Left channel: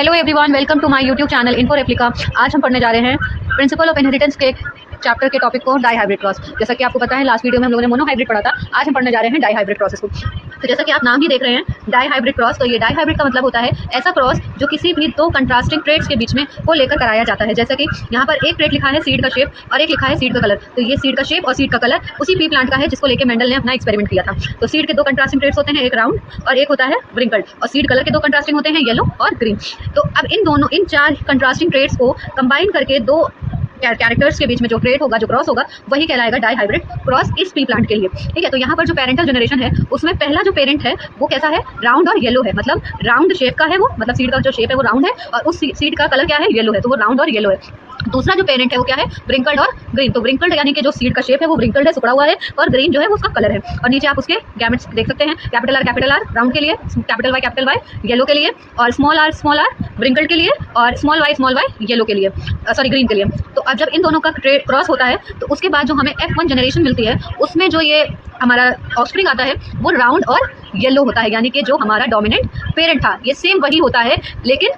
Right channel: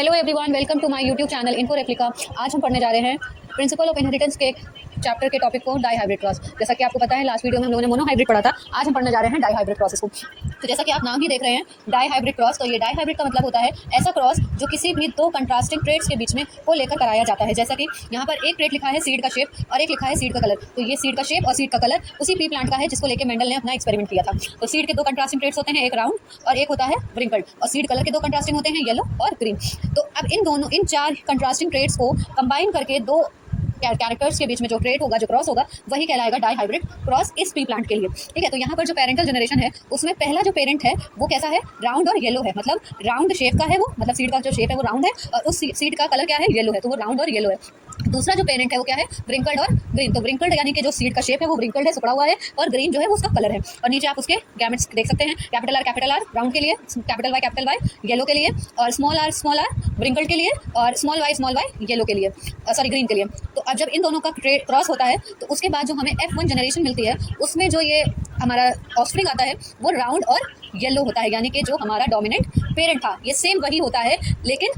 Hello everyone, welcome to my YouTube channel info replica. आज हम पढ़ने जा रहे हैं प्रिंसिपल ऑफ इनहेरिटेंस के चैप्टर के टॉपिक को, डाई हाइब्रिड क्रॉस। जैसा कि आपको पता है लास्ट वीडियो में हम लोगों ने मोनो हाइब्रिड पढ़ा था। आज हम पढ़ने जा रहे हैं डाई हाइब्रिड क्रॉसेस को। तो जैसा कि आप नाम ही देख रहे हैं डाई हाइब्रिड क्रॉस, तो ये डाई हाइब्रिड का मतलब होता है ऐसा क्रॉस जो किसी भी दो कंट्रास्टिंग ट्रेड्स के बीच में को लेकर कराया जाता है। जैसा कि यहाँ पर एक ट्रेड लिखा है सीड का शेप और एक लिखा है सीड का कलर। तो ये सीड का शेप और सीड का कलर उसी पी प्लांट का है जिसको लेकर मेंडल ने अपना एक्सपेरिमेंट किया था। तो सीड के दो कंट्रास्टिंग ट्रेड्स होते हैं, एक राउंड और एक होता है व्रिंकल्ड, और सीड कलर के दो कंट्रास्टिंग होते हैं येलो और ग्रीन। तो अब इन चार कंट्रास्टिंग ट्रेड्स को कंबाइन करके दो कैरेक्टर्स के बीच में जो ट्रेड होगा, जो क्रॉस होगा, वही कहलाएगा डाई हाइब्रिड क्रॉस इस पी प्लांट के लिए। ठीक है, तो यहाँ पर जो पेरेंटल जनरेशन है उसमें पहला जो पेरेंट है वो कैसा है, राउंड और येलो है। मतलब राउंड शेप का है वो, मतलब सीड का जो शेप है वो राउंड है और उस सीड का कलर क्या है, येलो है, तो वो राउंड और येलो है। दूसरा जो पेरेंट है वो क्या है, व्रिंकल्ड और ग्रीन। तो व्रिंकल्ड यानी कि जो सीड का शेप है वो व्रिंकल्ड है, सिकुड़ा हुआ है, और ग्रीन जो है वो उसका कलर है। और नीचे आप उसके गैमेट्स देख सकते हैं, कैपिटल आर राउंड के लिए, कैपिटल वाई येलो के लिए, और स्मॉल आर व्रिंकल्ड के लिए, और स्मॉल वाई येलो के लिए, सॉरी ग्रीन के लिए। तो अब जब इन दोनों का क्रॉस होता है तो उसके बाद जो हमें F1 जनरेशन मिलती है उसमें जो ये हमारा ऑफस्प्रिंग आता है वो राउंड और येलो होता है। यानी कि जो हमारा डोमिनेंट पेरेंट था ये सेम वही होता है, लेकिन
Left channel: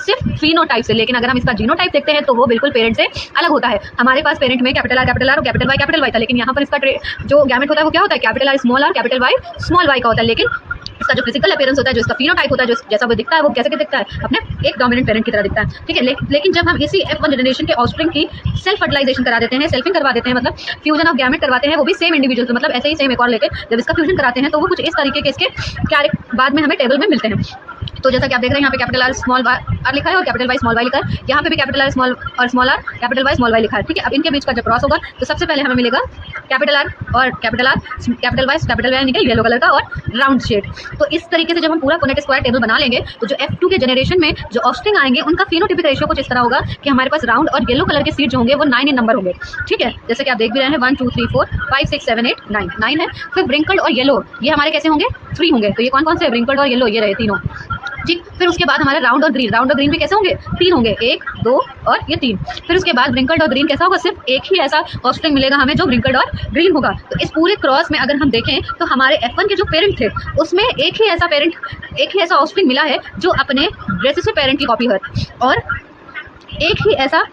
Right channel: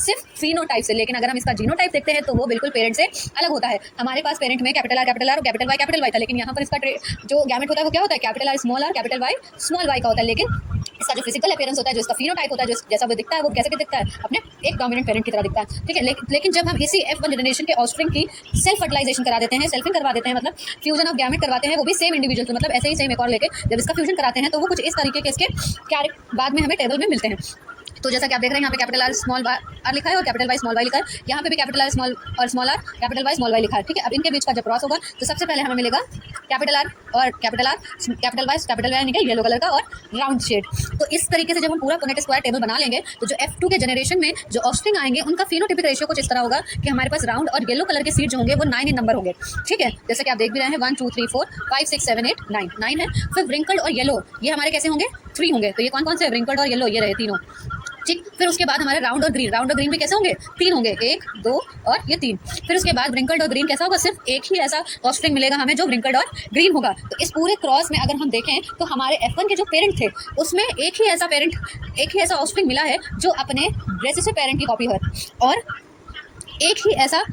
सिर्फ फिनोटाइप से। लेकिन अगर हम इसका जीनोटाइप देखते हैं तो वो बिल्कुल पेरेंट से अलग होता है। हमारे पास पेरेंट में कैपिटल आर और कैपिटल वाई था, लेकिन यहाँ पर इसका जो गैमेट होता है वो क्या होता है, capital R capital Y small Y का होता है। लेकिन इसका जो फिजिकल अपीयरेंस होता है, जो इसका फिनोटाइप होता है, जो जैसा वो दिखता है वो कैसे दिखता है, अपने एक डोमिनेंट पेरेंट की तरह दिखता है। ठीक है, लेकिन जब हम इसी F1 जनरेशन के ऑफस्प्रिंग की सेल्फ फर्टिलाइजेशन करा देते हैं, सेल्फिंग करवा देते हैं, मतलब फ्यूजन ऑफ गैमेट करवाते हैं, वो भी सेम इंडिविजुअल, मतलब ऐसे ही सेम एक और लेके जब इसका फ्यूजन कराते हैं तो वो कुछ इस तरीके के इसके क्या बाद में हमें टेबल में मिलते हैं। तो जैसा कि आप देख रहे हैं यहाँ पे कैपिटल आर स्मॉल आर लिखा है और कैपिटल वाई स्मॉल वाई लिखा है। यहाँ पे भी capital R small R capital Y small Y लिखा है। ठीक है, अब इनके बीच का जब क्रॉस होगा तो सबसे पहले हमें मिलेगा कैपिटल आर और कैपिटल वाई निकल येलो कलर का और राउंड शेड। तो इस तरीके से जब हम पूरा पुनेट स्क्वायर टेबल बना लेंगे तो जो F2 के जनरेशन में जो ऑफस्प्रिंग आएंगे उनका फिनोटाइपिक रेशियो कुछ इस तरह होगा कि हमारे पास राउंड और येलो कलर के सीड जो होंगे वो 9 इन नंबर होंगे। ठीक है, जैसे कि आप देख भी रहे हैं 1 2 3 4 5 6 7 8 9 है। फिर व्रिंकल्ड और येलो ये हमारे कैसे होंगे, 3 होंगे। तो ये कौन कौन से, व्रिंकल्ड और येलो ये रहे तीनों। ठीक, फिर उसके बाद हमारा राउंड और ग्रीन भी कैसे होंगे, 3 होंगे, 1 2 और ये 3। फिर उसके बाद व्रिंकल्ड और ग्रीन कैसा होगा, सिर्फ एक ही ऐसा ऑफस्प्रिंग मिलेगा हमें जो व्रिंकल्ड और ग्रीन होगा। तो इस पूरे क्रॉस में अगर हम देखें तो हमारे F1 के जो पेरेंट थे उसमें एक ही ऐसा ऑफस्प्रिंग मिला है जो अपने रेसेसिव पेरेंट की कॉपी है, और एक ही ऐसा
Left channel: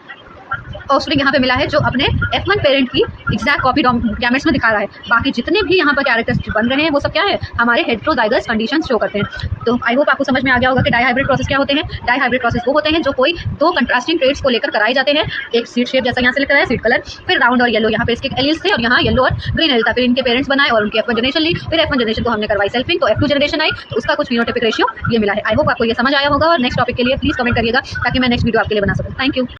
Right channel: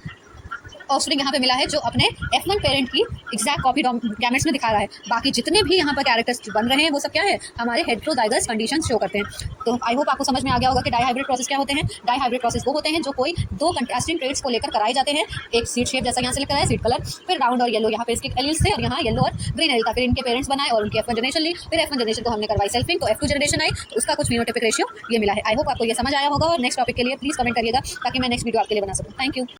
ऑफस्प्रिंग यहाँ पे मिला है जो अपने F1 पेरेंट की एग्जैक्ट कॉपी गैमेट्स में दिखा रहा है। बाकी जितने भी यहाँ पर कैरेक्टर्स बन रहे हैं वो सब क्या है, हमारे हेटेरोजाइगस कंडीशंस शो करते हैं। तो आई होप आपको समझ में आ गया होगा कि डाई हाइब्रिड प्रोसेस क्या होते हैं। डाई हाइब्रिड प्रोसेस वो होते हैं जो कोई दो कंट्रास्टिंग ट्रेड्स को लेकर कराए जाते हैं। एक सीड शेप जैसा यहाँ से लिखा है, सीड कलर, फिर राउंड और येलो, यहाँ पे इसके एलिल्स थे और यहाँ येलो और ग्रीन एलिल था। फिर इनके पेरेंट्स बनाए और उनकी F1 जनरेशन ली, फिर F1 जनरेशन को हमने करवाई सेल्फिंग, तो F2 जनरेशन आई तो उसका कुछ फिनोटाइपिक रेशियो ये मिला है। आई होप आपको ये समझ आया होगा, और नेक्स्ट टॉपिक के लिए प्लीज कमेंट करिएगा ताकि मैं नेक्स्ट वीडियो आपके लिए बना सकूँ। Thank you.